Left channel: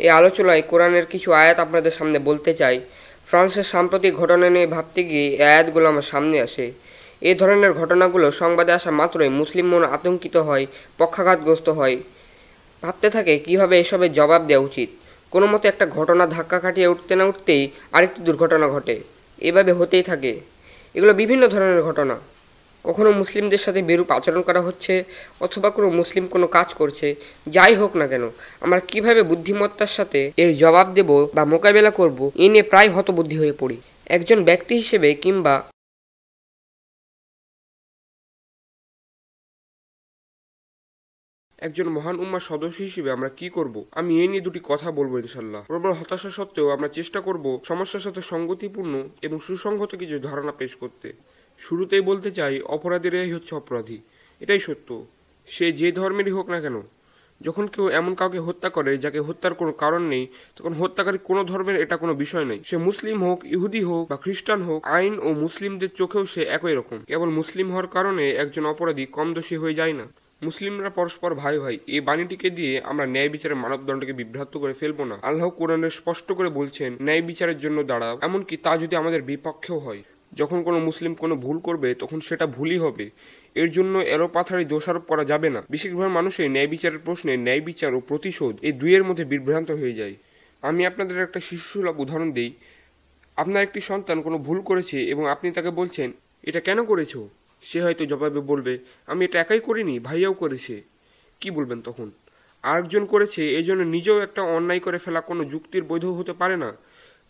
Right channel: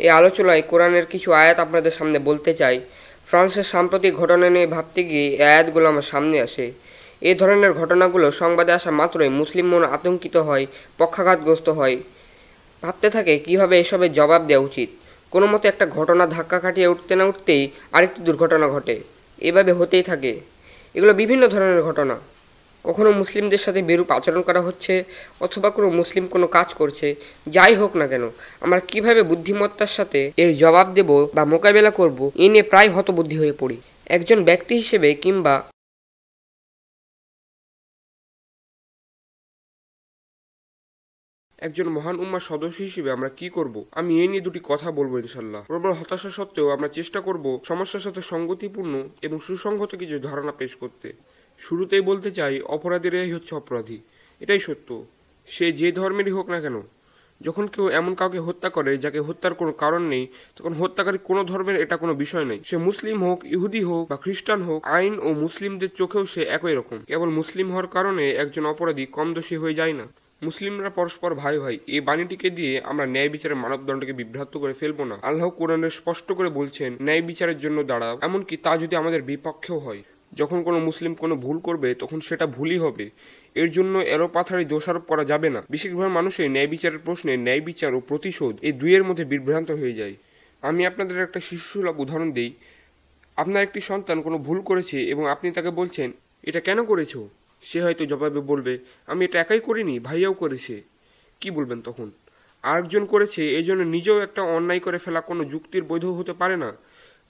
এই আলোচনায় কোরআনের কিছু আয়াত আপনাদের সামনে বলতে চাই। ফ্রান্সের সাম্প্রতিক ঘটনা নিয়ে ভাবতে গিয়ে এই আয়াতগুলো আমার সামনে আসে। এই ধরনের ঘটনাগুলো সংবাদে আসা মাত্রই মুসলিম মন আতঙ্কিত হয়, পক্ষাঘাতগ্রস্ত হয়, ভাবতে থাকে কিভাবে এসবের জবাব দেওয়া উচিত। কোনো মতে একটা ঘটনা ধাক্কা কাটিয়ে উঠতে না উঠতেই আরেকটি দুর্ঘটনা ঘটে, এভাবে হতেই থাকে। এগুলো বিভিন্ন ধরনের ঘটনা। কখনো মুসলিমদের সাথে বিরূপ আচরণ করা হচ্ছে, অথবা কোনো মুসলিম কোনো কাজ করছে। যাই হোক না কেন, আমরা কিভাবে বুদ্ধিমত্তার সাথে এর জবাব দেব বা মোকাবেলা করব, এ নিয়ে প্রায় হতবুদ্ধি হয়ে পড়ি। একজন ব্যক্তি হিসেবে কিংবা একজন মহান উম্মার সদস্য হিসেবে আমরা কি করব, আমি এই নিয়ে দুটি কথা বলবো ইনশাল্লাহ। প্রবল হতাশা সত্ত্বেও আমরা চেষ্টা করব সমস্যার সাথে সঙ্গতিপূর্ণ এবং সুসংগত কিছু ধারণা পেশ করতে। শুরুতেই বলতে চাই, অপরাধীরাই হচ্ছে অপরাধী। এটাই সত্য, সে যে ধর্মেরই হোক না কেন। যখন কেউ এমন কাউকে হত্যা করে যাকে হত্যার কোনো কারণ নেই, তখন হত্যাকারী কোনো ধর্মের এটা কোনো বিষয় নয়। সে মুসলিম হোক, ইহুদি হোক বা খ্রিস্টান হোক, আইন ও মুসলিমদের চোখেও সে একই রকম। কেবল মুসলিম হওয়ার কারণে একজন অপরাধী কম দোষী হয়ে যায় না। মুসলিমরা পরস্পর ভাই ভাই, এই বাণীটিকে দিয়ে আমরা ন্যায় বিচারের মানদণ্ডকে বিভ্রান্ত করে ফেলবো না। আল্লাহ কোরআনে স্পষ্ট করে বলছেন, ন্যায় বিচারের জন্য দাঁড়াও, এমনকি তা যদি আমাদের বিপক্ষেও হয়। যখন কোনো মুসলিম কোনো ভুল করবে, তখন সেটা ভুলই হবে। এর জন্য এলোপাথাড়ি দোষারোপ করা যাবে না। বেশিরভাগ মানুষই ন্যায় বিচারের প্রশ্নে ন্যায় বিচার ও প্রতিশোধ এই দুইয়ের মধ্যে বিভ্রান্ত হয়ে যায়। আমি আপনাদের একটা শিশুসুলভ উদাহরণ দিই। আপনার একটি সন্তান কোনো ভুল করেছে এবং আপনি তাকে বলছেন, এটা কেন করেছো? সে হয়তো জবাবে বলবে, আমি এটা একাই করিনি, ভাইয়াও করেছে। কি বলবেন তখন? আরেকজন করেছে, এই জন্য নিজেও একটা অন্যায় করে ফেলা কোনো যুক্তির বৈধ হতে পারে না।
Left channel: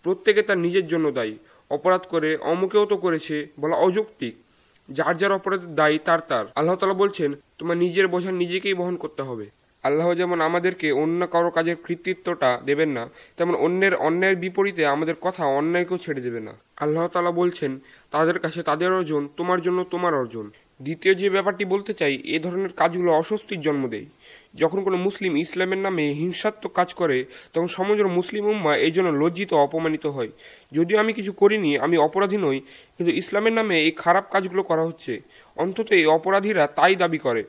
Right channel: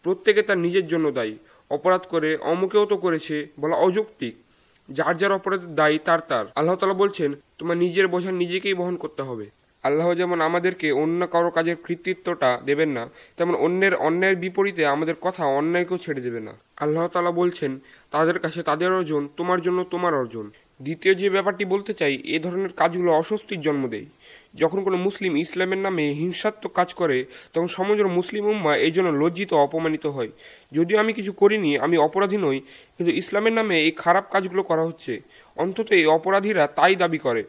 প্রত্যেকে তার নিজের জন্য দায়ী। অপরাধ করে অমুকেও তো করেছে বলা অযৌক্তিক। যার যার অপরাধের দায়ী তার তার। আল্লাহ তাআলা বলছেন, তোমার নিজের বোঝা নিজেকেই বহন করতে হবে। আল্লাহ যেমন আমাদেরকে অন্য কারো কাজের কৃতিত্বটা দেবেন না, তেমন অন্যের অন্যায়ের বিপরীতে আমাদের কথা অন্যায়কেও ছেড়ে দেবে না। আল্লাহ তাআলা বলছেন, তাদের কাছে তাদের অর্জন, তোমার জন্য তোমার অর্জন। দ্বিতীয় যে ব্যাপারটি বলতে চাই, এ ধরনের কাজগুলো অস্বস্তির জন্ম দেয়। যখন কোনো মুসলিম ইসলামের নামে হিংসাত্মক কাজ করে, তখন সমগ্র মুসলিম উম্মাহ এই জন্য লজ্জিত অপমানিত হয়। যদিও আমি কিছু করিনি, আমি অপরাধী নই, কিন্তু ইসলামের নামে এই খারাপ কাজগুলো করা হচ্ছে, অন্তত এই অপরাধীরা তাই দাবি করে।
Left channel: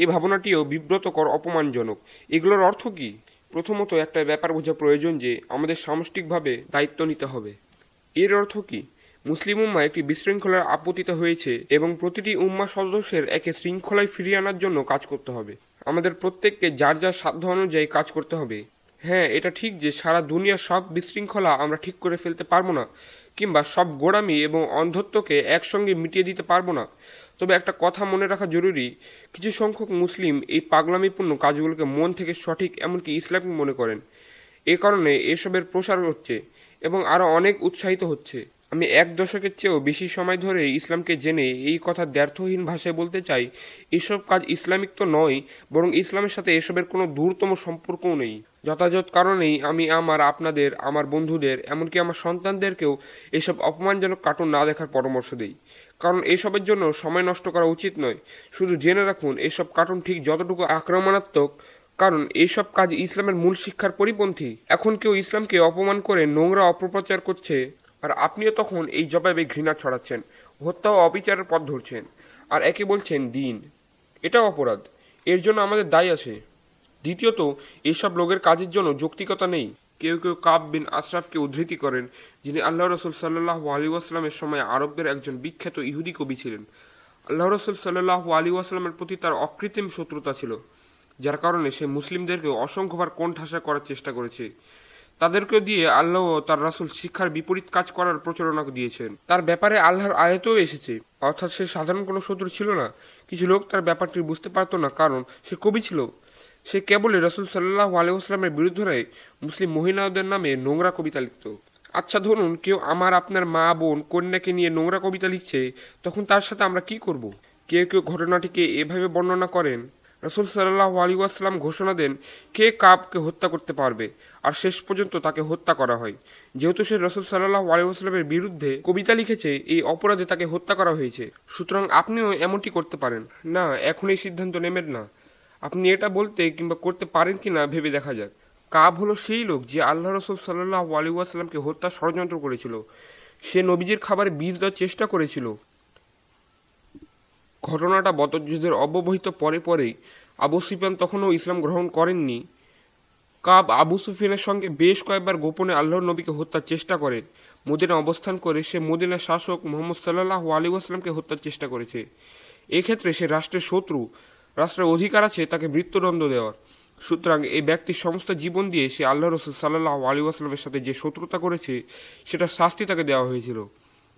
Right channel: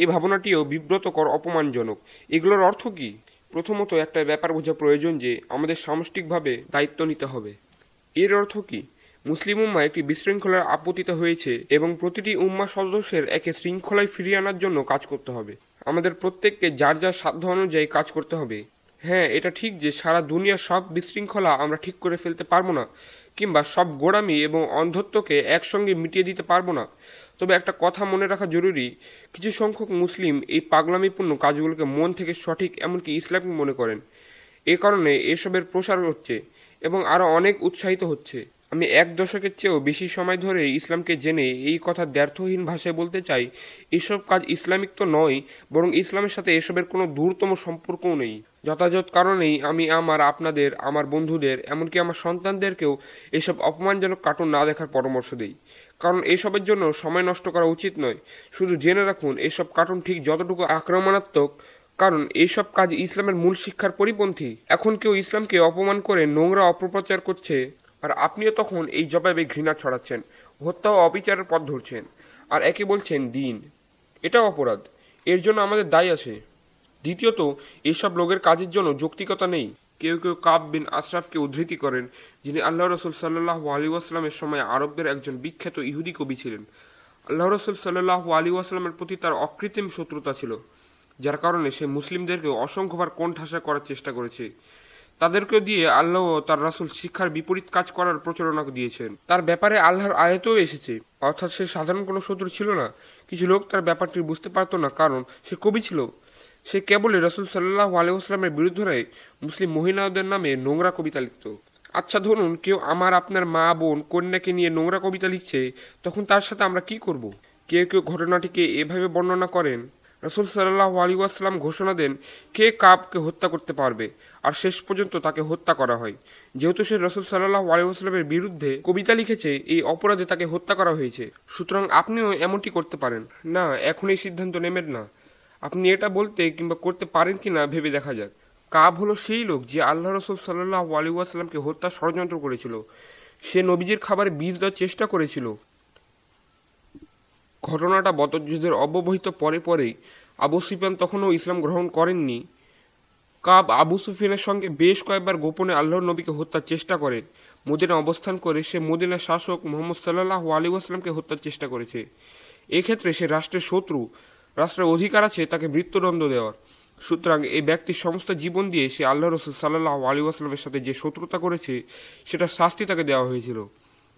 এই ভাবনাটিও বিব্রতকর, অপমানজনক। এগুলোর অর্থ কি? প্রথমত, একটা ব্যাপার বোঝা প্রয়োজন যে আমাদের সামষ্টিকভাবে দায়িত্ব নিতে হবে। এর অর্থ কি? মুসলিম উম্মাহ একটি বিশৃঙ্খলার আপতিত হয়েছে এবং প্রতিটি উম্মাহ সদস্যের একে শৃঙ্খলায় ফিরিয়ে আনার জন্য কাজ করতে হবে। আমাদের প্রত্যেককে যার যার সাধ্য অনুযায়ী কাজ করতে হবে। হ্যাঁ, এটা ঠিক যে সারা দুনিয়ার সব বিশৃঙ্খলা আমরা ঠিক করে ফেলতে পারবো না, কিংবা সব গোড়ামি এবং অন্ধত্বকে একসঙ্গে মিটিয়ে দিতে পারবো না। তবে একটা কথা মনে রাখা জরুরি, কিছু সংখ্যক মুসলিম এই পাগলামিপূর্ণ কাজগুলোকে মন থেকে সঠিক, এমনকি ইসলামিক মনে করেন। এ কারণে এসবের প্রসার হচ্ছে এবং আরো অনেক উৎসাহিত হচ্ছে। আমি 1 দশকের চেয়েও বেশি সময় ধরে ইসলামকে জেনে এই কথা দ্ব্যর্থহীন ভাষায় বলতে চাই, এসব কাজ ইসলামিক তো নয়, বরং ইসলামের সাথে এসবের কোনো দূরতম সম্পর্কও নেই। যথাযথ কারণেই আমি আপনাদের, আমার বন্ধুদের, এমনকি আমার সন্তানদেরকেও এসব অপমানজনক কার্টুন না দেখার পরামর্শ দেই। কারণ এসবের জন্য সময় নষ্ট করা উচিত নয়। শুধু জেনে রাখুন, এসব কার্টুন ঠিক যতটুকু আক্রমণাত্মক, কারণ এইসব কাজ ইসলামের মূল শিক্ষার পরিপন্থী। এখন কেউ ইসলামকে অপমান করে নোংরা অপপ্রচার করছে, আর আপনিও তখন এই জবাবে ঘৃণা ছড়াচ্ছেন, হত্যা ও অবিচারের পথ ধরছেন, আর একে বলছেন দিন। এটা অপরাধ, এর জন্য আমাদের দায় আছে। দ্বিতীয়ত, এইসব লোকের কাজের জন্য যৌক্তিকতা নেই। কেউ কেউ কাব বিন আশরাফকে উদ্ধৃতি করেন, যিনি আল্লাহ রসুল সাল্লাল্লাহু আলাইহি ওয়াসাল্লামের সময় আরবদের একজন বিখ্যাত ইহুদি কবি ছিলেন। আল্লাহ রসুল সাল্লাল্লাহু আলাইহি ওয়াসাল্লামের প্রতি তার অকৃত্রিম শত্রুতা ছিল, যার কারণে সে মুসলিমদেরকে অসংখ্যবার কোণঠাসা করার চেষ্টা করেছে। তাদেরকেও দিয়ে আল্লাহ তার রাসূল শিক্ষার বিপরীত কাজ করার প্রচারণা দিয়েছেন। তার ব্যাপারে আল্লাহর আয়াতেও এসেছে, অর্থাৎ সে সাধারণ কোনো শত্রু ছিল না। কিছু লোক তার ব্যাপারটি বুঝতে পারত না, কারণ সে কবি ছিল। সে কেবলই রাসূল সাল্লাল্লাহু আলাইহি ওয়াসাল্লামের বিরুদ্ধে মুসলিম মহিলাদের নামে নোংরা কবিতা লিখত। আচ্ছা, ধরুন কেউ আপনার মা, বোন, কন্যাকে নিয়ে নোংরা কবিতা লিখছে, তখন তার সাথে আমরা কি করব? কেউ কেউ ঘটনাটিকে এভাবে বর্ণনা করেন, রাসূল সাল্লাল্লাহু আলাইহি ওয়াসাল্লাম ঘোষণা দেন কে কাবকে হত্যা করতে পারবে, আর শেষ পর্যন্ত তাকে হত্যা করা হয়। যেহেতু সে রাসূল সাল্লাল্লাহু আলাইহি ওয়াসাল্লামের বিরুদ্ধে কবিতা লিখেছে, এই অপরাধে তাকে হত্যা করা হয়েছে। সুতরাং আপনিও এমনটি করতে পারেন না। এখন এই সিদ্ধান্ত নেবেন না, আপনি এটা বলতে কিংবা করতে পারেন কিনা ভেবে দেখা যাক। কাব হলো সেই লোক যে আল্লাহ রাসূল সাল্লাল্লাহু আলাইহি ওয়াসাল্লামকে হত্যার ষড়যন্ত্র করেছিল। সে নবীজির খাবারে বীজ দেওয়ার চেষ্টা করেছিল। ঘটনাটা বদর যুদ্ধের অব্যবহিত পরে পরেই। আবু সুফিয়ান তখনও ইসলাম গ্রহণ করেননি। কাব আবু সুফিয়ানের সঙ্গে বেশ কয়েকবার গোপনে আল্লাহর নবীকে হত্যার চেষ্টা করে। মদিনা অবস্থান করে সে মদিনার শাসক মুহাম্মদ সাল্লাল্লাহু আলাইহি ওয়াসাল্লামকে হত্যার চেষ্টা করেছে। এক্ষেত্রে সে রাষ্ট্রের শত্রু, রাষ্ট্রের অধিকার আছে তাকে মৃত্যুদণ্ড দেওয়ার। সুতরাং এই ব্যক্তির সমস্ত জীবন দিয়ে সে আল্লাহ রসুল সাল্লাল্লাহু আলাইহি ওয়াসাল্লামের সাথে যে শত্রুতা করেছে সেটা শাস্তি তাকে দেওয়া হয়েছিল,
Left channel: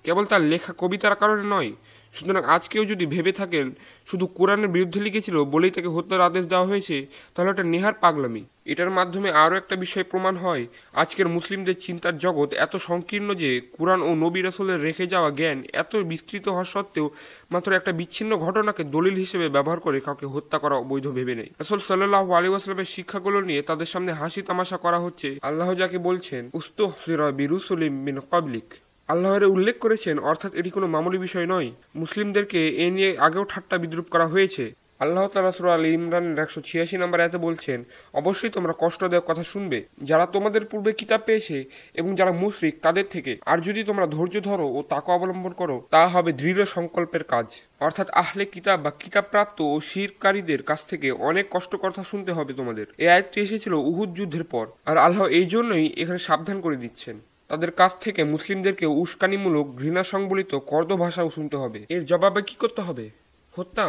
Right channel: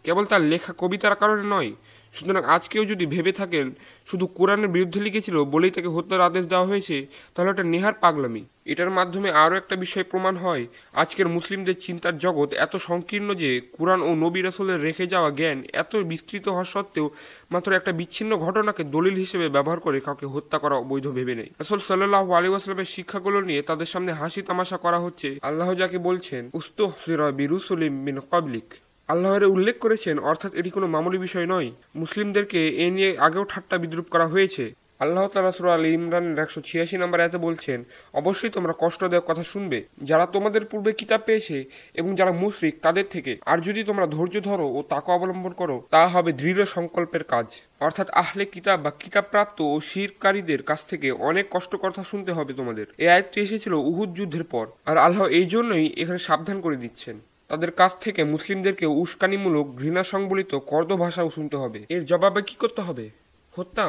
কেবল তার লেখা কবিতার কারণে নয়। সুতরাং আজকেও যদি ভেবে থাকেন শুধু কোরআনের বিরুদ্ধে লিখেছিল বলেই তাকে হত্যার আদেশ দেওয়া হয়েছে, তাহলে এটা নেহার পাগলামি। এটার মাধ্যমে আরও একটা বিষয় প্রমাণ হয় আজকের মুসলিমদের চিন্তার জগৎ এত সংকীর্ণ যে কোরআন ও নবী রাসূলের রেখে যাওয়া জ্ঞান এত বিস্তৃত হওয়া সত্ত্বেও মাত্র একটা বিচ্ছিন্ন ঘটনাকে দলিল হিসেবে ব্যবহার করে কাউকে হত্যা করা অবৈধ ভেবে নেয়। রাসূল সাল্লাল্লাহু আলাইহি ওয়াসাল্লামের শিক্ষাগুলো নিয়ে তাদের সামনে হাসি তামাশা করা হচ্ছে। আল্লাহ যাকে বলছেন উস্তুহজিরা বিরুসুলিম মিন ক্বাবলিক, আল্লাহরে উল্লেখ করেছেন, অর্থাৎ এটি কোনো মামুলি বিষয় নয়। মুসলিমদেরকে এ নিয়ে আগেও ঠাট্টা বিদ্রুপ করা হয়েছে। আল্লাহ তাআলা সূরা আল ইমরান 186 নম্বর আয়াতে বলছেন, অবশ্যই তোমরা কষ্ট দেওয়ার কথা শুনবে যারা তোমাদের পূর্বে কিতাব পেয়েছে এবং যারা মুশরিক তাদের থেকে, আর যদি তোমরা ধৈর্য ধরো ও তাকওয়া অবলম্বন করো তা হবে দৃঢ় সংকল্পের কাজ। অর্থাৎ আহলে কিতাব বা কিতাবপ্রাপ্ত ও শিরকারীদের কাছ থেকে অনেক কষ্ট কথা শুনতে হবে তোমাদের। এই আয়াতটি এসেছিল উহুদ যুদ্ধের পর, আর আল্লাহ এই জন্যই এখানে সাবধান করে দিচ্ছেন তাদের কাছ থেকে মুসলিমদেরকে উস্কানিমূলক ঘৃণা সংবলিত কর্দ ভাষাও শুনতে হবে। এর জবাবে কি করতে হবে? হত্যা?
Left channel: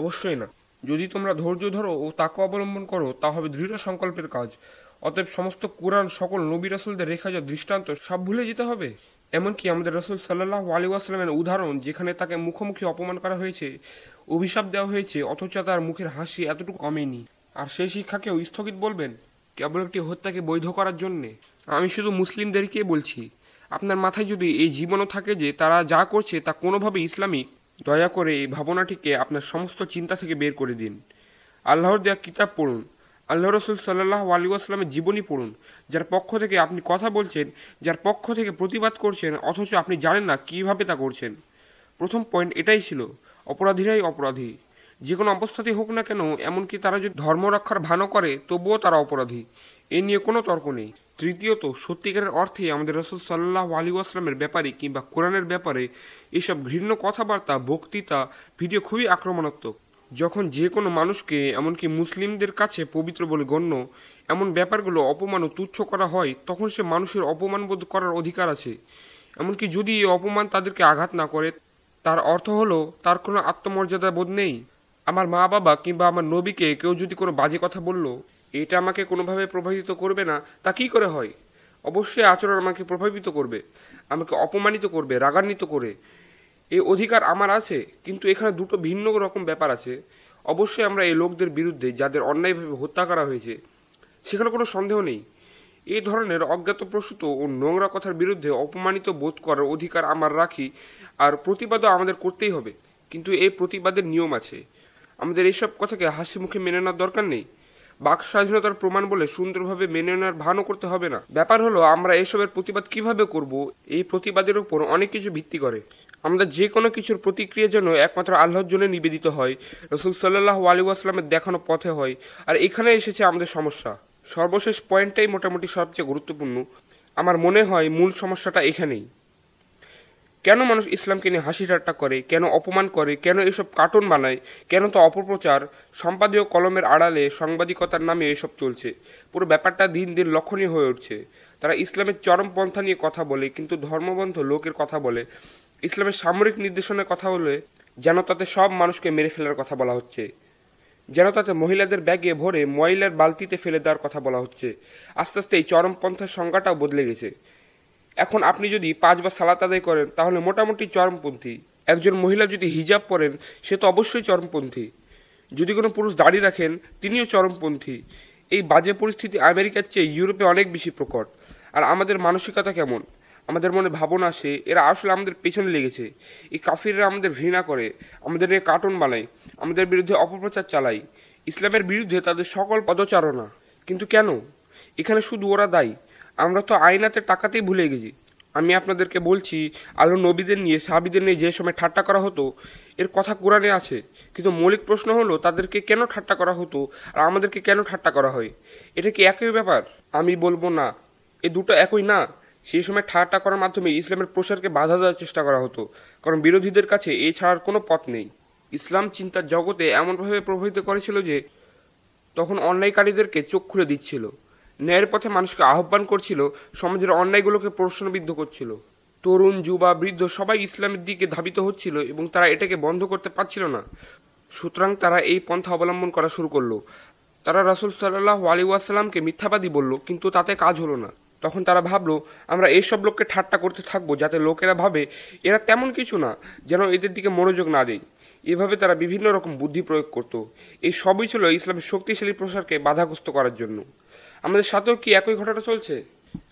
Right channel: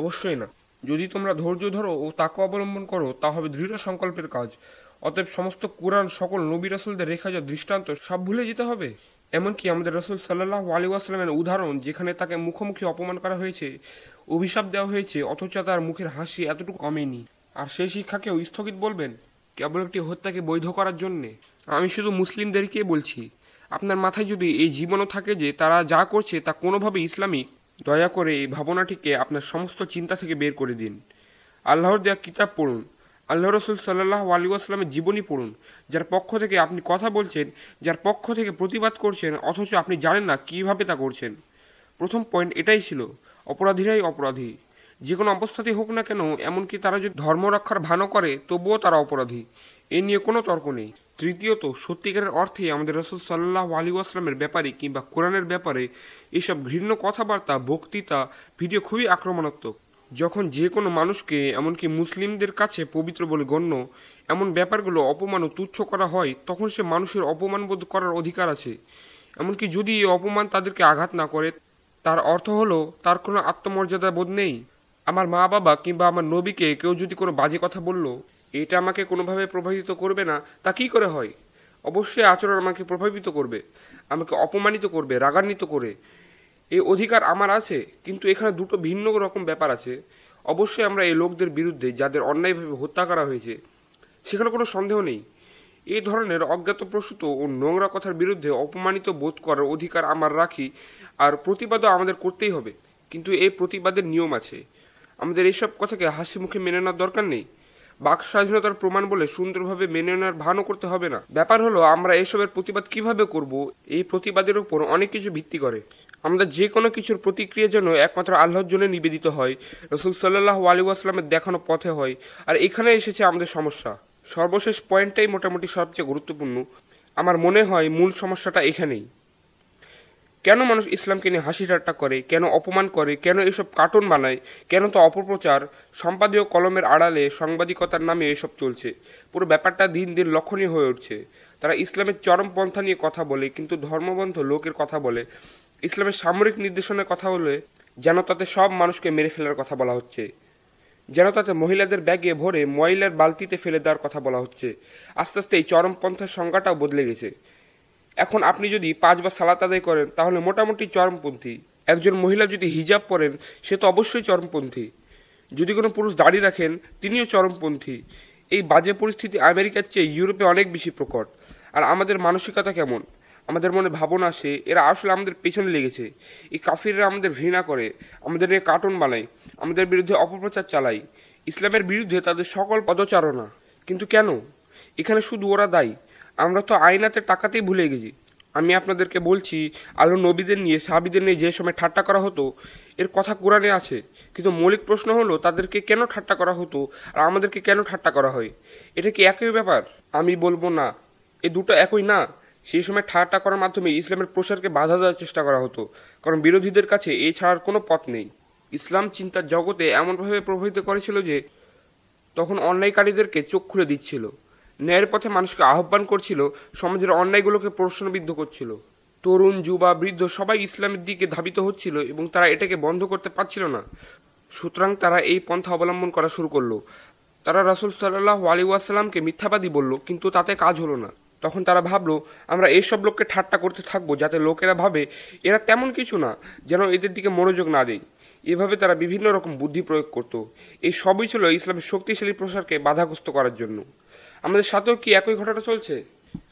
অবশ্যই না। যদি তোমরা ধৈর্য ধরো ও তাকওয়া অবলম্বন করো তা হবে দৃঢ় সংকল্পের কাজ। অতএব সমস্ত কুরআন, সকল নবী রাসূলদের রেখা যা দৃষ্টান্ত সব ভুলে যেতে হবে। এমনকি আমাদের রাসূল সাল্লাল্লাহু আলাইহি ওয়াসাল্লামের উদাহরণ, যেখানে তাকে মুখোমুখি অপমান করা হয়েছে, অভিশাপ দেওয়া হয়েছে, অথচ তার মুখের হাসি এতটুকু কমেনি, আর সেই শিক্ষাকেও স্থগিত বলবেন কেবল একটি হত্যাকে বৈধ করার জন্যে? আমি শুধু মুসলিমদেরকে বলছি, আপনার মাথায় যদি এই জীবনও থাকে যে তারা যা করছে তা কোনোভাবে ইসলামী, দয়া করে এই ভাবনাটিকে আপনার সমস্ত চিন্তা থেকে বের করে দিন। আল্লাহর দেওয়া কিতাব পড়ুন, আল্লাহ রসুল সাল্লাল্লাহু আলাইহি ওয়াসাল্লামের জীবনী পড়ুন, যার পক্ষ থেকে আপনি কথা বলছেন, যার পক্ষ থেকে প্রতিবাদ করছেন, অথচ আপনি জানেন না কিভাবে তা করছেন। প্রথম পয়েন্ট এটাই ছিল, অপরাধীরাই অপরাধী, যে কোনো অবস্থাতেই হোক না কেন। এমনকি তারা যদি ধর্ম রক্ষার ভানও করে তবুও তারা অপরাধী, এ নিয়ে কোনো তর্ক নেই। তৃতীয়ত, সত্যিকারের অর্থে আমাদের রাসূল সাল্লাল্লাহু আলাইহি ওয়াসাল্লামের ব্যাপারে কিংবা কোরআনের ব্যাপারে এসব ঘৃণ্য কথাবার্তা, বক্তৃতা, ভিডিও খুবই আক্রমণাত্মক। যখন যে কোনো মানুষকে, এমনকি মুসলিমদের কাছে পবিত্র বলে গণ্য এমন ব্যাপারগুলো অপমান ও তুচ্ছ করা হয়, তখন সে মানুষের অপমানবোধ করার অধিকার আছে। এমনকি যদি এই অপমান তাদেরকে আঘাত না করে, তার অর্থ হলো তার কোনো আত্মমর্যাদা বোধ নেই। আমার মা বাবা কিংবা আমার নবীকে কেউ যদি কোনো বাজে কথা বলল, এটা আমাকে কোনোভাবে প্রভাবিত করবে না, তা কি করে হয়? অবশ্যই আচরণ আমাকে প্রভাবিত করবে, আমাকে অপমানিত করবে, রাগান্বিত করে। এই অধিকার আমার আছে, কিন্তু এখানে দুটো ভিন্ন রকম ব্যাপার আছে। অবশ্যই আমরা এই লোকদের বিরুদ্ধে যাদের অন্যায়ভাবে হত্যা করা হয়েছে সেখানে কোনো সন্দেহ নেই। এই ধরনের অজ্ঞাতপ্রসূত ও নোংরা কথার বিরুদ্ধে অপমানিত বোধ করার অধিকার আমরা রাখি, আর প্রতিবাদও আমাদের করতেই হবে। কিন্তু এই প্রতিবাদের নিয়ম আছে। আমাদের এইসব কথাকে হাসি মুখে মেনে নেওয়ার দরকার নেই। বাক স্বাধীনতার প্রমাণ বলে সুন্দরভাবে মেনে নেওয়ার ভানও করতে হবে না। ব্যাপার হলো আমরা এসবের প্রতিবাদ কিভাবে করব, এই প্রতিবাদের উপর অনেক কিছু ভিত্তি করে। আমরা যে কোনো কিছুর প্রতিক্রিয়া যেন একমাত্র আল্লাহর জন্য নিবেদিত হয়, রাসূল সাল্লাল্লাহু আলাইহি ওয়াসাল্লামের দেখানো পথে হয়। আর এখানে এসেছে আমাদের সমস্যা। সর্বশেষ পয়েন্টটাই মোটামুটি সবচেয়ে গুরুত্বপূর্ণ। আমার মনে হয় মূল সমস্যাটা এখানেই। কেন মানুষ ইসলামকে নিয়ে হাসি ঠাট্টা করে, কেন অপমান করে, কেন এসব কার্টুন বানায়, কেন তা অপপ্রচার, সম্পাদীয় কলমের আড়ালে সাংবাদিকতার নামে এসব চলছে। পুরো ব্যাপারটা দিন দিন লক্ষণীয় হয়ে উঠছে। তারা ইসলামের চরম পন্থা নিয়ে কথা বলে, কিন্তু ধর্মবন্ধ লোকের কথা বলে। ইসলামের সামরিক নির্দেশনার কথা বলে যেন তাতে সব মানুষকে মেরে ফেলার কথা বলা হচ্ছে, যেন তাতে মহিলাদের ব্যাগে ভরে ময়লার বালতিতে ফেলে দেওয়ার কথা বলা হচ্ছে। আস্তে আস্তে এই চরম পন্থার সংজ্ঞাটাও বদলে গেছে। এখন আপনি যদি 5 বার সালাত আদায় করেন তাহলে মোটামুটি চরমপন্থী। একজন মহিলা যদি হিজাব পরেন সে তো অবশ্যই চরমপন্থী। যদি কোনো পুরুষ দাড়ি রাখেন তিনিও চরমপন্থী। এই বাজে পরিস্থিতি আমেরিকার চেয়ে ইউরোপে অনেক বেশি প্রকট। আর আমাদের মানসিকতা কেমন? আমাদের মনে ভাবনা আসে এরা আসলে আমাদের পেছনে লেগেছে। এই কাফিররা আমাদের ঘৃণা করে, আমাদের কার্টুন বানায়, আমাদের বিরুদ্ধে অপপ্রচার চালায়, ইসলামের বিরুদ্ধে তাদের সকল পদচারণা। কিন্তু কেন? এখানে শুধু ওরা দায়ী, আমরা তো আইনাতের টাকাতেই ভুলে গেছি। আমি আপনাদেরকে বলছি, আল্লাহ নবীদের নিয়ে, সাহাবীদের নিয়ে যে সময় ঠাট্টা করা হতো এর কথা কোরআনে আছে, কিন্তু মৌলিক প্রশ্ন হলো তাদেরকে কেন ঠাট্টা করা হতো আর আমাদেরকে কেন ঠাট্টা করা হয়? এটা কি একই ব্যাপার? আমি বলবো না, এই দুটো একই না। সেই সময় ঠাট্টা করার মাধ্যমে ইসলামের প্রসারকে বাধা দেওয়ার চেষ্টা করা হতো, কারণ বিরোধীদের কাছে এই ছাড়ার কোনো পথ নেই। ইসলাম চিন্তার জগতে এমনভাবে প্রভাবিত করেছিল যে তখন অন্যায়কারীদেরকে চোখ খুলে দিচ্ছিল। ন্যায়ের পথে মানুষকে আহ্বান করছিল, সমাজের অন্যায়গুলোকে প্রশ্নবিদ্ধ করছিল। তরুণ, যুবা, বৃদ্ধ সবাই ইসলামের দিকে ধাবিত হচ্ছিল এবং তারা এটাকে বন্ধ করতে পারছিল না। সুতরাং তারা এই পন্থা অবলম্বন করা শুরু করলো। তারা রাসূল সাল্লাল্লাহু আলাইহি ওয়াসাল্লামকে মিথ্যাবাদী বলল, কিন্তু তাতে কাজ হলো না। তখন তারা ভাবলো, আমরা এইসব লোককে ঠাট্টা করতে থাকবো যাতে লোকেরা ভাবে এরা তেমন কিছু না, যেন এদের দিকে মনোযোগ না দেয়। এভাবে তারা বিভিন্ন রকম বুদ্ধি প্রয়োগ করত। এই সবই ছিল ইসলামের শক্তিশালী প্রসারকে বাধাগ্রস্ত করার জন্য। আমাদের সাথেও কি একই ঘটনা চলছে?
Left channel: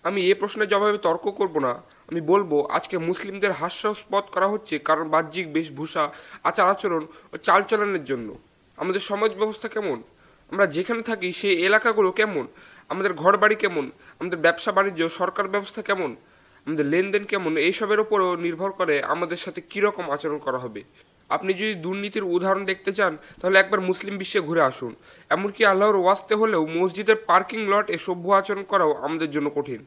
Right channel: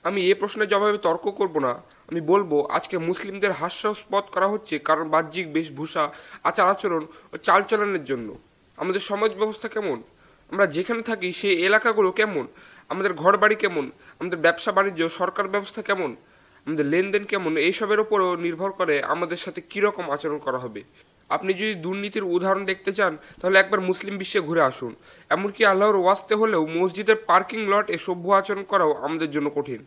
আমি এই প্রশ্নের জবাবে তর্ক করব না। আমি বলবো, আজকে মুসলিমদের হাস্যাস্পদ করা হচ্ছে কারণ বাহ্যিক বেশভূষা, আচার আচরণ ও চালচলনের জন্য। আমাদের সমাজ ব্যবস্থা কেমন, আমরা যেখানে থাকি সেই এলাকাগুলো কেমন, আমাদের ঘর বাড়ি কেমন, আমাদের ব্যবসা বাণিজ্য, সরকার ব্যবস্থা কেমন, আমাদের লেনদেন কেমন, এইসবের উপরও নির্ভর করে আমাদের সাথে কিরকম আচরণ করা হবে। আপনি যদি দুর্নীতির উদাহরণ দেখতে চান তাহলে একবার মুসলিম বিশ্বে ঘুরে আসুন। এমনকি আল্লাহর ওয়াস্তে হলেও মসজিদের পার্কিং লটে সভ্য আচরণ করাও আমাদের জন্য কঠিন।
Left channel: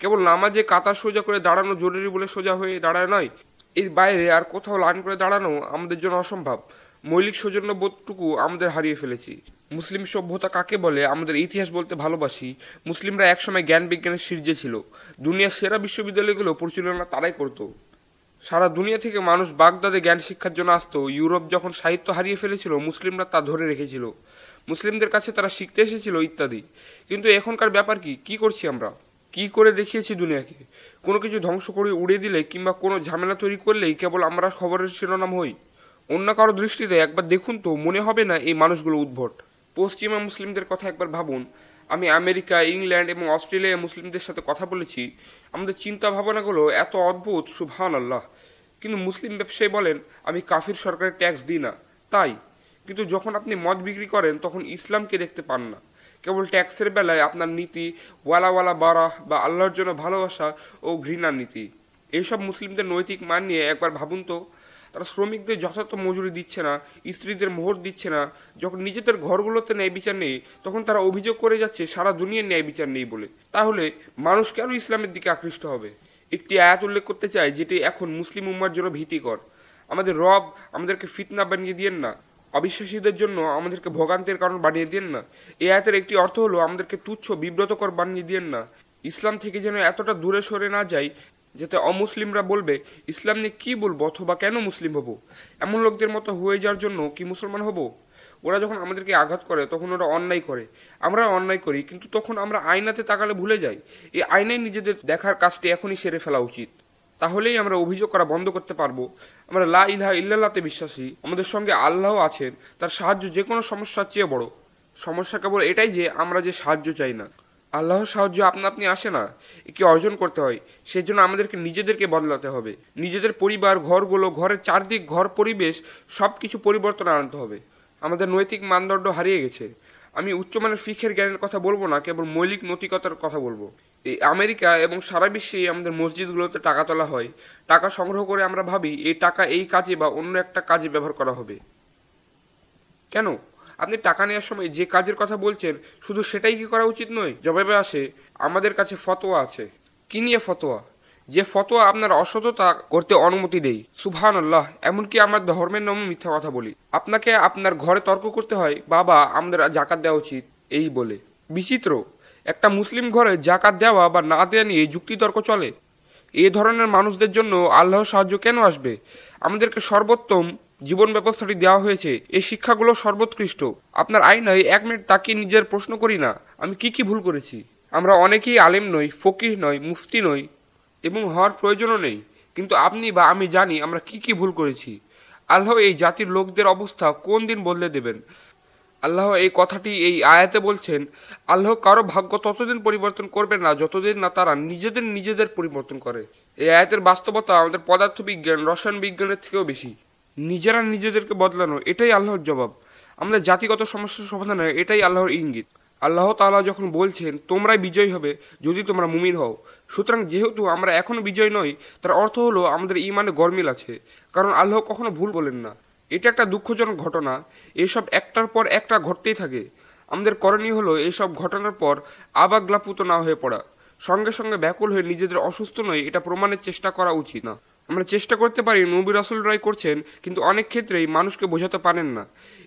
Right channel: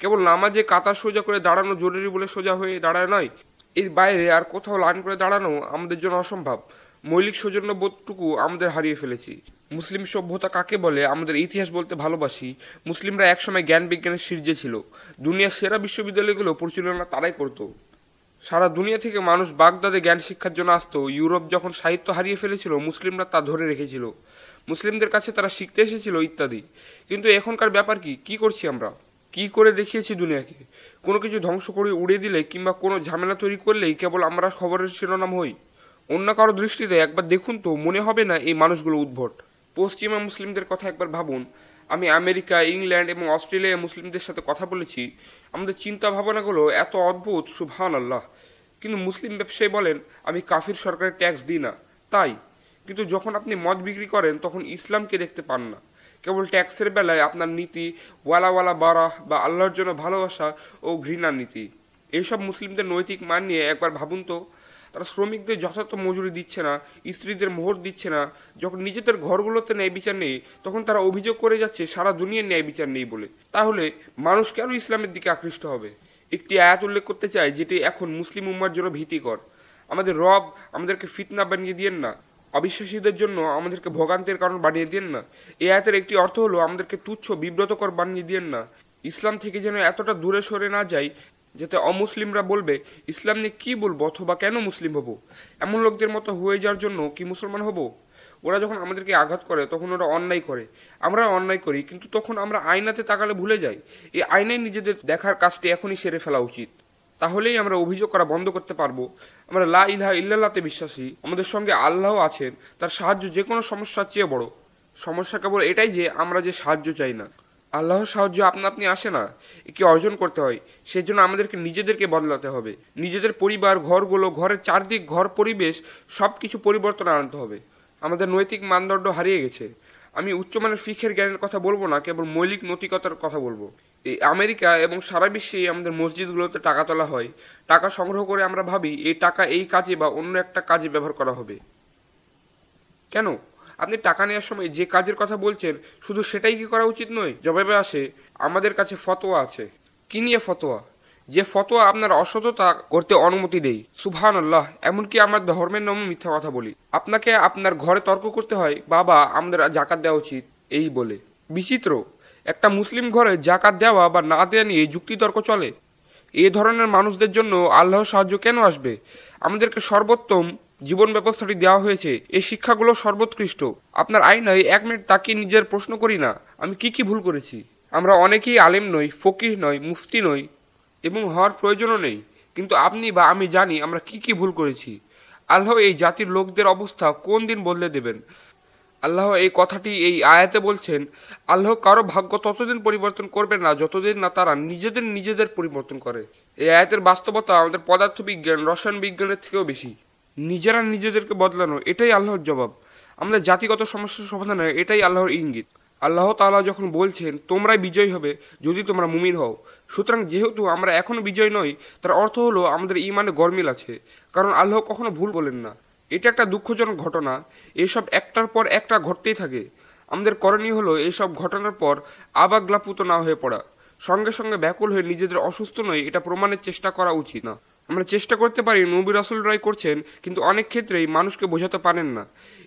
কেবল নামাজে কাতার সোজা করে দাঁড়ানো জরুরি বলে সোজা হয়ে দাঁড়ায় নয়, এর বাইরে আর কোথাও লাইন করে দাঁড়ানো আমাদের জন্য অসম্ভব। মৌলিক সৌজন্যবোধটুকু আমাদের হারিয়ে ফেলেছি। মুসলিম সভ্যতা কাকে বলে আমাদের ইতিহাস বলতে ভালোবাসি। মুসলিমরা একসময় জ্ঞান বিজ্ঞানের শীর্ষে ছিল। দুনিয়ার সেরা বিশ্ববিদ্যালয়গুলো পরিচালনা তারাই করত। সারা দুনিয়া থেকে মানুষ বাগদাদে জ্ঞান শিক্ষার জন্য আসতো। ইউরোপ যখন সাহিত্য হারিয়ে ফেলেছিল, মুসলিমরা তা ধরে রেখেছিল। মুসলিমদের কাছে তারা শিখতে এসেছিল ইত্যাদি। কিন্তু এখনকার ব্যাপার কি করছি আমরা? কি করে দেখিয়েছি দুনিয়াকে? কোনো কিছু ধ্বংস করে উড়িয়ে দিলে কিংবা কোনো ঝামেলা তৈরি করলেই কেবল আমরা খবরের শিরোনাম হই। অন্য কারো দৃষ্টিতে একবার দেখুন তো মনে হবে না এই মানুষগুলো উদ্ভট? পশ্চিমা মুসলিমদের কথা একবার ভাবুন। আমি আমেরিকা, ইংল্যান্ড এবং অস্ট্রেলিয়া মুসলিমদের সাথে কথা বলেছি। আমাদের চিন্তা ভাবনাগুলো এত অদ্ভুত, সুবহানাল্লাহ। কিন্তু মুসলিম ব্যবসায়ী বলেন, আমি কাফির সরকারের ট্যাক্স দিই না। তাই, কিন্তু যখন আপনি মদ বিক্রি করেন তখন ইসলামকে দেখতে পান না। কেবল ট্যাক্সের বেলায় আপনার নীতি ওয়ালা ওয়ালা বারাহ বা আল্লাহর জন্য ভালোবাসা ও ঘৃণার নীতি। এইসব মুসলিমদের নৈতিক মান নিয়ে একবার ভাবুন তো। তারা শ্রমিকদের যথার্থ মজুরি দিচ্ছে না, স্ত্রীদের মোহর দিচ্ছে না। যখন নিজেদের ঘরগুলোতে ন্যায় বিচার নেই তখন তারা অভিযোগ করে যাচ্ছে সারা দুনিয়ার ন্যায় বিচার নেই বলে। তাহলে মানুষ কেন ইসলামের দিকে আকৃষ্ট হবে? একটি আয়াত উল্লেখ করতে চাই যেটি এখন মুসলিম উম্মার জন্য ভীতিকর। আমাদের রব আমাদেরকে ফিতনা বানিয়ে দিয়েন না, অবিশ্বাসীদের জন্য আমাদেরকে ভোগান্তের কারণ বানিয়ে দিয়েন না। এই আয়াতের একটি অর্থ হলো আমাদেরকে তুচ্ছ বিব্রতকর বানিয়ে দিয়েন না। ইসলাম থেকে যেন এতটা দূরে সরে না যাই যাতে অমুসলিমরা বলবে ইসলাম নিয়ে কি বলবো অথবা কেন মুসলিম হব। এমন লোকদের মতো হয়ে যাওয়ার জন্য কি মুসলমান হব? ওরা যখন আমাদেরকে আঘাত করে তখন ওরা অন্যায় করে, আমরা অন্যায় করি, কিন্তু তখন আমরা আয়নাতে তাকালে ভুলে যাই। এই আয়নায় নিজেদের দেখার কাজটি এখনই সেরে ফেলা উচিত। তাহলেই আমরা অভিযোগ করা বন্ধ করতে পারবো। আমরা লা ইলাহা ইল্লাল্লাহতে বিশ্বাসী, আমাদের সঙ্গে আল্লাহ আছেন, তার সাহায্য যে কোনো সমস্যার চেয়ে বড়। সমস্যা কেবল এটাই যে আমরা যে সাহায্য চাই না। আল্লাহর সাহায্য আপনা আপনি আসে না, একে অর্জন করতে হয়। সেজন্য আমাদেরকে নিজেদেরকে বদলাতে হবে। নিজেদের পরিবার, ঘরগুলো, ঘরের চারদিক, ঘর পরিবেশ সবকিছু পরিবর্তন আনতে হবে। আমাদের নৈতিক মানদণ্ড হারিয়ে গেছে। আমি উচ্চমানের শিক্ষার জ্ঞানের কথা বলবো না, কেবল মৌলিক নৈতিকতার কথা বলবো। এই আমেরিকা এবং সারা বিশ্বে আমাদের মসজিদগুলোতে টাকা তোলা হয়। টাকা সংগ্রহ করে আমরা ভাবি এই টাকা এই কাজে বা অন্য একটা কাজে ব্যবহার করা হবে। কেন? আপনি টাকা নেওয়ার সময় যে কাজের কথা বলছেন শুধু সেটাই কি করা উচিত নয়? জবাবে আসে, আমাদের কাছে ফতোয়া আছে। কি নিয়ে ফতোয়া? যে ফতোয়া আপনার অসততা করতে অনুমতি দেই। সুবহানাল্লাহ, এমনকি আমার ধর্মের নামে মিথ্যা কথা বলি। আপনাকে আপনার ঘরে তর্ক করতে হয়, বাবা আমাদের জাকাত দেওয়া উচিত এই বলে। বিচিত্র, একটা মুসলিম ঘরে জাকাত দেওয়া বা না দেওয়া নিয়ে যুক্তি তর্ক চলে। এ ধরনের মানুষদের জন্য আল্লাহর সাহায্য কেন আসবে? আমাদেরকে সর্বোত্তম জীবন ব্যবস্থাটি দেওয়া হয়েছে, এই শিক্ষাগুলো সর্বোৎকৃষ্ট। আপনার আয়নায় 1 মিনিট তাকিয়ে নিজের প্রশ্ন করি না, আমি কি ভুল করেছি? আমরা অনেকেই আলেম নই, ফকিহ নই, মুফতি নই এবং হওয়ার প্রয়োজনও নেই, কিন্তু আপনি বা আমি জানি আমরা কি ভুল করেছি। আল্লাহ এই জাতির লোকদের অবস্থা কোন দিন বদলে দেবেন। আল্লাহ এই কথাটি এই আয়াতে বলছেন, আল্লাহ কারো ভাগ্য ততদিন পরিবর্তন করবে না যতদিন না তারা নিজেদের পরিবর্তন করে। এই আয়াতের বাস্তবতা আমাদের পদার্থ বিজ্ঞান, রসায়ন বিজ্ঞানের থেকেও বেশি। নিজেরা নিজেদেরকে বদলানো, এটাই আল্লাহর জবাব। আমাদের জাতিগত সমস্যার সমাধানে এটাই আল্লাহর ইঙ্গিত। আল্লাহ তাআলা যখন বলছেন তোমরা বিজয়ী হবে যদি তোমরা মুমিন হও, সুতরাং যেহেতু আমরা এখনো বিজয়ী নই তার অর্থ হলো আমাদের ঈমানে গরমিল আছে, কারণ আল্লাহ কখনো ভুল বলেন না। এটা একটা দুঃখজনক ঘটনা। এসব একটার পর একটা ঘটতেই থাকে। আমাদের করণীয় হলো এসব ঘটনার পর আবাগলাপুত না হয়ে পড়া, সঙ্গে সঙ্গে ব্যাকুল হয়ে নিজেদের অসুস্থ নয় এটা প্রমাণের চেষ্টা করা উচিত না। আমরা চেষ্টা করতে পারি নবী রাসূলরাই করছেন, কিন্তু অনেক ক্ষেত্রেই মানুষকে বোঝাতে পারেন না।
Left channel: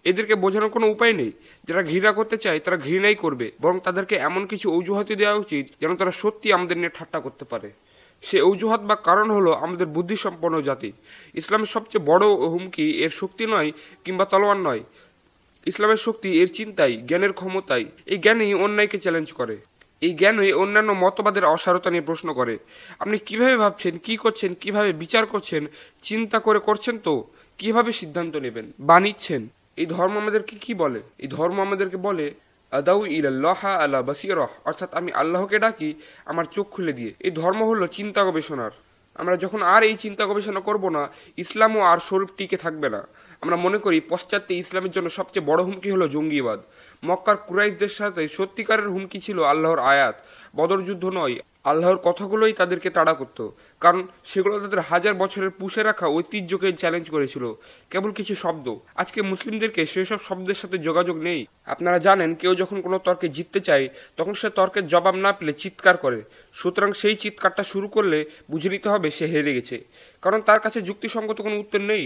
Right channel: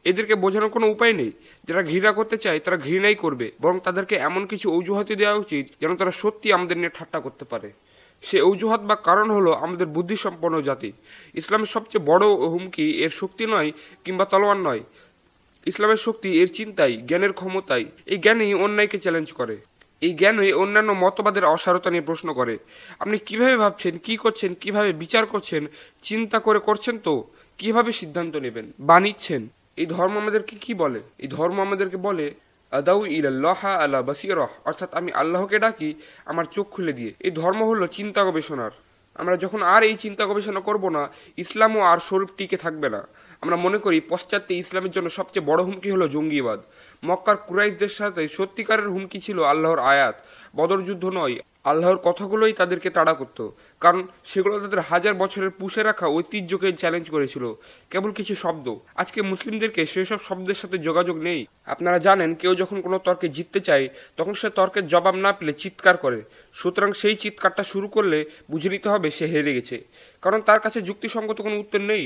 এদেরকে বোঝানোর কোনো উপায় নেই। যারা ঘৃণা করতে চায় তারা ঘৃণাই করবে, বরং তাদেরকে এমন কিছু অজুহাতে দেওয়া উচিত যেন তারা সত্যি আমাদের নিয়ে ঠাট্টা করতে পারে। সে অজুহাত বা কারণ হলো আমাদের বুদ্ধিসম্পন্ন জাতি। ইসলামের সবচেয়ে বড় হুমকি এর শক্তি নয় কিংবা তলোয়ার নয়। ইসলামের শক্তি এর চিন্তায়, জ্ঞানের ক্ষমতায়। এই জ্ঞানই অন্যায়কে চ্যালেঞ্জ করে। এই জ্ঞানই অন্যান্য মতবাদের অসারতা নিয়ে প্রশ্ন করে। আপনি কিভাবে ভাবছেন, কি করছেন, কিভাবে বিচার করছেন, চিন্তা করে করছেন তো কিভাবে সিদ্ধান্ত নেবেন, বানিয়েছেন। এই ধর্ম আমাদেরকে কি বলে? এই ধর্ম আমাদেরকে বলে আদাউ ইলাল্লাহ আলা বাসীরাহ, অর্থাৎ আমি আল্লাহকে ডাকি আমার চোখ খুলে দিয়ে। এই ধর্ম হলো চিন্তা গবেষণার। আমরা যখন আর এই চিন্তা গবেষণা করব না, ইসলামও আর স্বরূপ টিকে থাকবে না। আমরা মনে করি পশ্চাত্যে ইসলামের জন্য সবচেয়ে বড় হুমকি হলো জঙ্গিবাদ। মক্কার কুরাইশদের সাথে সত্যিকারের হুমকি ছিল আল্লাহর আয়াত, বদর যুদ্ধ নয়। আল্লাহর কথাগুলোই তাদেরকে তাড়া করত, কারণ সেগুলো তাদের হাজার বছরের পুষে রাখা ঐতিহ্যকে চ্যালেঞ্জ করেছিল। কেবল কিছু শব্দ। আজকে মুসলিমদেরকে সেসব শব্দের সাথে যোগাযোগ নেই। আপনারা জানেন, কেউ যখন কোনো তর্কে জিততে চায় তখন সে তর্কের জবাব না পেলে চিৎকার করে। সুতরাং সেই চিৎকারটা শুরু করলে বুঝে নিতে হবে সে হেরে গেছে, কারণ তার কাছে যুক্তিসঙ্গত কোনো উত্তর নেই।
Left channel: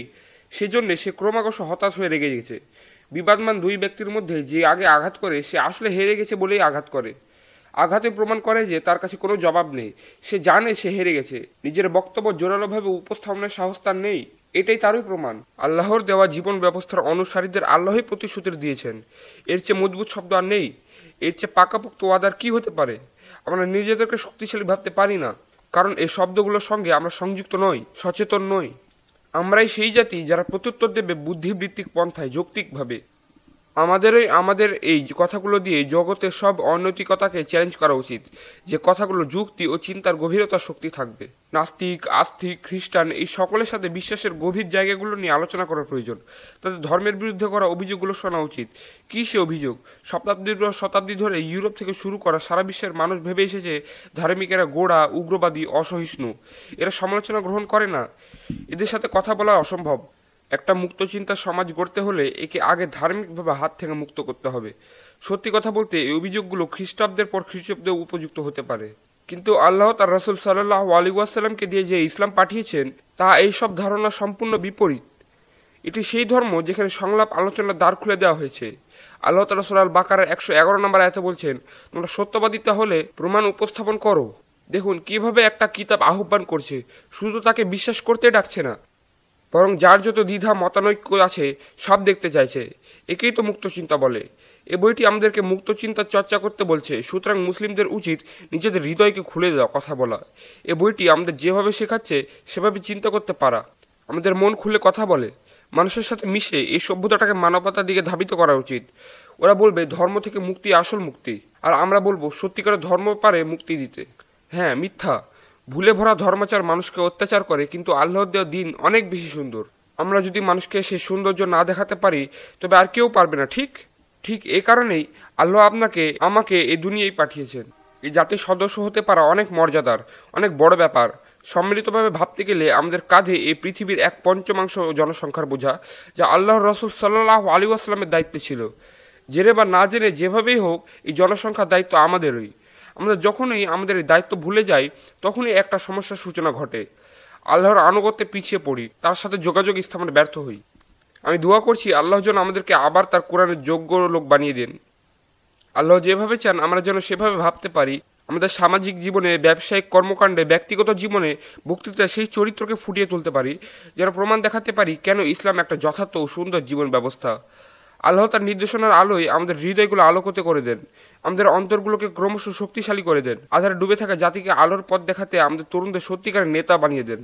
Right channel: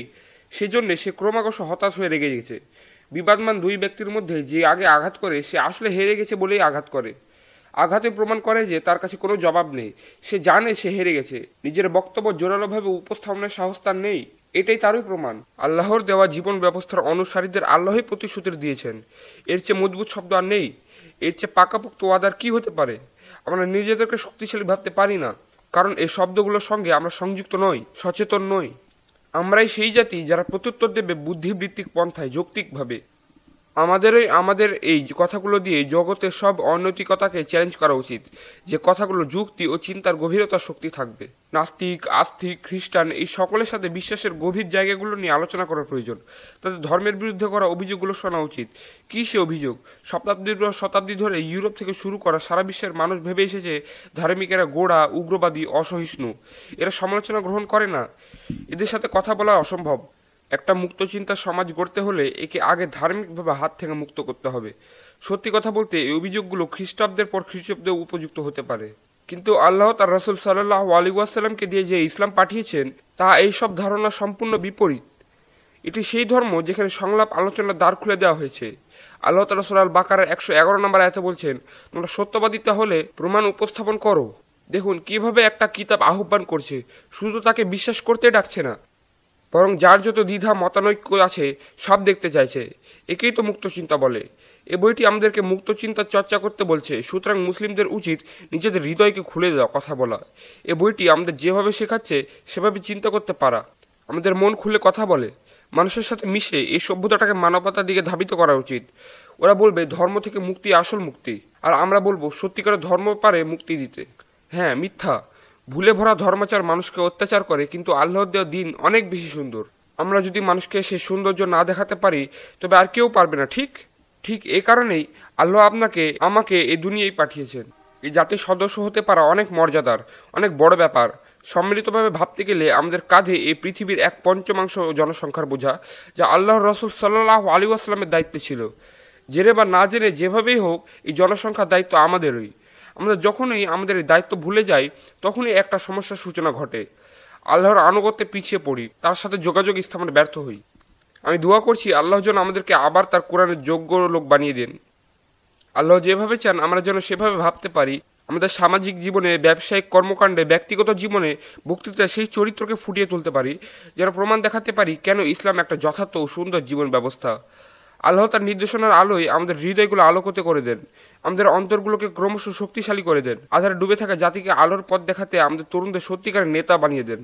সেজন্য সে ক্রমাগত হতাশ হয়ে রেগে গেছে। বিবাদমান দুই ব্যক্তির মধ্যে যে আগে আঘাত করে সে আসলে হেরে গেছে বলেই আঘাত করে। আঘাতে প্রমাণ করে যে তার কাছে কোনো জবাব নেই। সে জানে সে হেরে গেছে, নিজের বক্তব্য জোরালোভাবে উপস্থাপনের সাহস তার নেই। এটাই তারই প্রমাণ। আল্লাহর দেওয়া জীবন ব্যবস্থার অনুসারীদের আল্লাহই প্রতিশ্রুতি দিয়েছেন। এর চেয়ে মজবুত শব্দ আর নেই। এর চেয়ে পাকাপোক্ত ওয়াদার কি হতে পারে? আমরা নিজেদেরকে শক্তিশালী ভাবতে পারি না, কারণ এই শব্দগুলোর সঙ্গে আমরা সংযুক্ত নই, সচেতন নই। আমরাই সেই জাতি যারা প্রত্যুত্তর দেবে বুদ্ধিবৃত্তিক পন্থায়, যৌক্তিকভাবে। আমাদের এই কথাগুলো দিয়ে জগতের সব অনৈতিকতাকে চ্যালেঞ্জ করা উচিত, যে কথাগুলো যুক্তি ও চিন্তার গভীরতার শক্তি থাকবে। নাস্তিক, আস্তিক, খ্রিস্টান এই সকলের সাথে বিশ্বাসের গভীর জায়গাগুলো নিয়ে আলোচনা করা প্রয়োজন। তাদের ধর্মের বিরুদ্ধে করা অভিযোগগুলো শোনা উচিত। কি সে অভিযোগ? শতাব্দী ধরে ইউরোপ থেকে শুরু করা সারা বিশ্বের মানুষ ভেবে এসেছে ধার্মিকেরা গোঁড়া, উগ্রবাদী, অসহিষ্ণু। এরা সমালোচনা গ্রহণ করে না। এদের সাথে কথা বলা অসম্ভব। একটা মুক্ত চিন্তার সমাজ গড়তে হলে একে আগে ধার্মিকভাবে হাত থেকে মুক্ত করতে হবে। সত্যি কথা বলতে এই অভিযোগগুলো খ্রিস্টাব্দের পর খ্রিস্টাব্দে উপযুক্ত হতে পারে, কিন্তু আল্লাহ তার রাসূল সাল্লাল্লাহু আলাইহি ওয়াসাল্লামকে দিয়ে যে ইসলাম পাঠিয়েছেন তা এই সব ধারণা সম্পূর্ণ বিপরীত। এটি সেই ধর্ম যেখানে সংলাপ আলোচনার দ্বার খুলে দেওয়া হয়েছে। আল্লাহ তাআলা সূরা আল বাকারার 111 নম্বর আয়াতে বলছেন, তোমরা সত্যবাদিতা হলে প্রমাণ উপস্থাপন করো। দেখুন কিভাবে একটা কিতাব আহ্বান করছে, শুধু তাকে বিশ্বাস করতে যাচ্ছে না, বরং যার যত দ্বিধা মতানৈক্য আছে সব দেখতে চাইছে। একেই তো মুক্ত চিন্তা বলে। এ বইটি আমাদেরকে মুক্ত চিন্তার চর্চা করতে বলছে। সুতরাং মুসলিমদের উচিত নিজেদের হৃদয়কে খুলে দেওয়া, কথা বলা। এ বইটি আমাদের যেভাবে শেখাচ্ছে সেভাবে চিন্তা করতে পারা। আমাদের মন খুলে কথা বলে, মানুষের সাথে মিশে এই সভ্যতাটাকে মানবতার দিকে ধাবিত করা উচিত। ওরা বলবে ধর্ম থেকে মুক্তি আসল মুক্তি, আর আমরা বলবো সত্যিকারের ধর্ম পারে মুক্তি দিতে। হ্যাঁ, মিথ্যা, ভুলে ভরা ধর্মাচার মানুষকে অত্যাচার করে, কিন্তু আল্লাহর দেওয়া দিন অনেক বেশি সুন্দর। আমরা যদি মানুষকে সেই সৌন্দর্য না দেখাতে পারি তবে আর কেউ পারবে না। ঠিক এই কারণেই আল্লাহ আমাকে এই দুনিয়ায় পাঠিয়েছেন। এই জাতির সদস্য হতে পারা অনেক মর্যাদার, অনেক বড় ব্যাপার। সম্মিলিতভাবে ভাবতে গেলে আমাদের কাঁধে এই পৃথিবীর 1/5 জনসংখ্যার বোঝা, যা আল্লাহর রাসূল সাল্লাল্লাহু আলাইহি ওয়াসাল্লামের দায়িত্বে ছিল। জেনে বা না জেনে যেভাবেই হোক এই জনসংখ্যার দায়িত্ব আমাদেরই। আমরা যখনই আমাদের এই দায়িত্ব ভুলে যাই তখনই একটা সমস্যার সূচনা ঘটে। আল্লাহর আনুগত্যে পিছিয়ে পড়ি, তার সাথে যোগাযোগ স্থাপনে ব্যর্থ হই। আমি দোয়া করছি আল্লাহ যেন আমাদেরকে আবার তার কোরআনের যোগ্য লোক বানিয়ে দেন। আল্লাহ যেভাবে চান আমরা যেন সেভাবে ভাবতে পারি। আমাদের সামাজিক জীবনে, ব্যবসায়িক কর্মকাণ্ডে, ব্যক্তিগত জীবনে, বক্তৃতায় সেই চরিত্রকে ফুটিয়ে তুলতে পারি, যেন প্রমাণ দেখাতে পারি কেন ইসলাম একটা যথার্থ ও সুন্দর জীবন ব্যবস্থা। আল্লাহ তার নির্দেশনার আলোয় আমাদের হৃদয়গুলো আলোকিত করে দেন, আমাদের অন্তরগুলোকে ক্রমশ শক্তিশালী করে দেন। আধারে ডুবে থাকা জাতিকে আলোর পথ দেখাতে আমাদের তরুণদের সত্যিকারের নেতা বানিয়ে দেন।